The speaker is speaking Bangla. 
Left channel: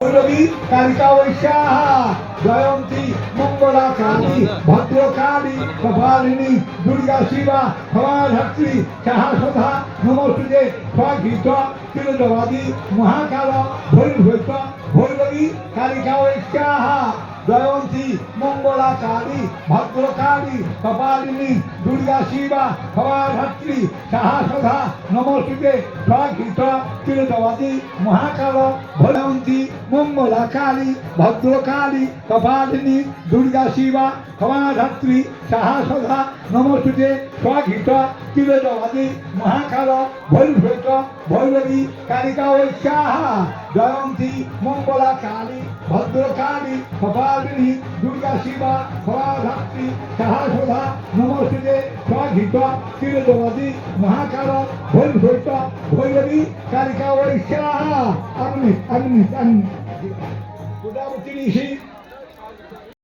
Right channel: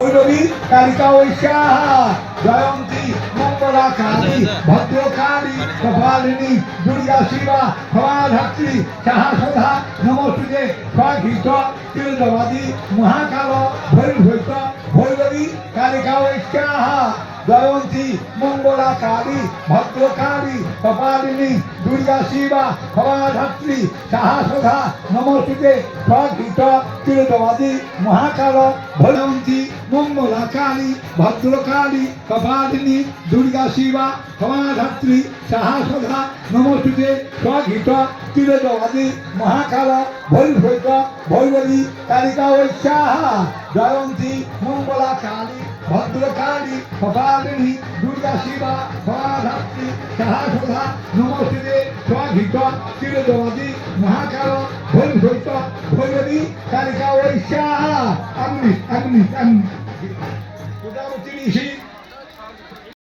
ভৈরবী কালিকা ঐশাহা জয়ন্তী মঙ্গলা কালী ভদ্রকালী কপালিনী দুর্গা শিবা ভবাধাত্রী সাহসধা নমস্তুতে স্বঘিত তিলদবাদী মহাকাল ভৈরভৈত ভৈরবী কালিকা ঐশাহা জয়ন্তী মঙ্গলা কালী ভদ্রকালী কপালিনী দুর্গা শিবা ভবাধাত্রী সাহসধা নমস্তুতে স্বঘিত তিলদবাদী মহাকাল ভৈরন্তী মঙ্গলা কালী ভদ্রকালী কপালিনী দুর্গা শিবা ক্ষমাধাত্রী সাহসধা নমস্তুতে স্বঘিত তিলদবাদী মহাকাল ভৈরভৈত ভৈরবী কালিকা ঐশাহা জয়ন্তী মঙ্গলা কালী ভদ্রকালী কপালিনী দুর্গা শিবা ক্ষমাধাত্রী সাহসধা নমস্তুতে স্বঘিত তিলদবাদী মহাকাল ভৈরভৈত ভৈরবী কালিকা ঐশাহা। アグニ、アグニ、アグニ。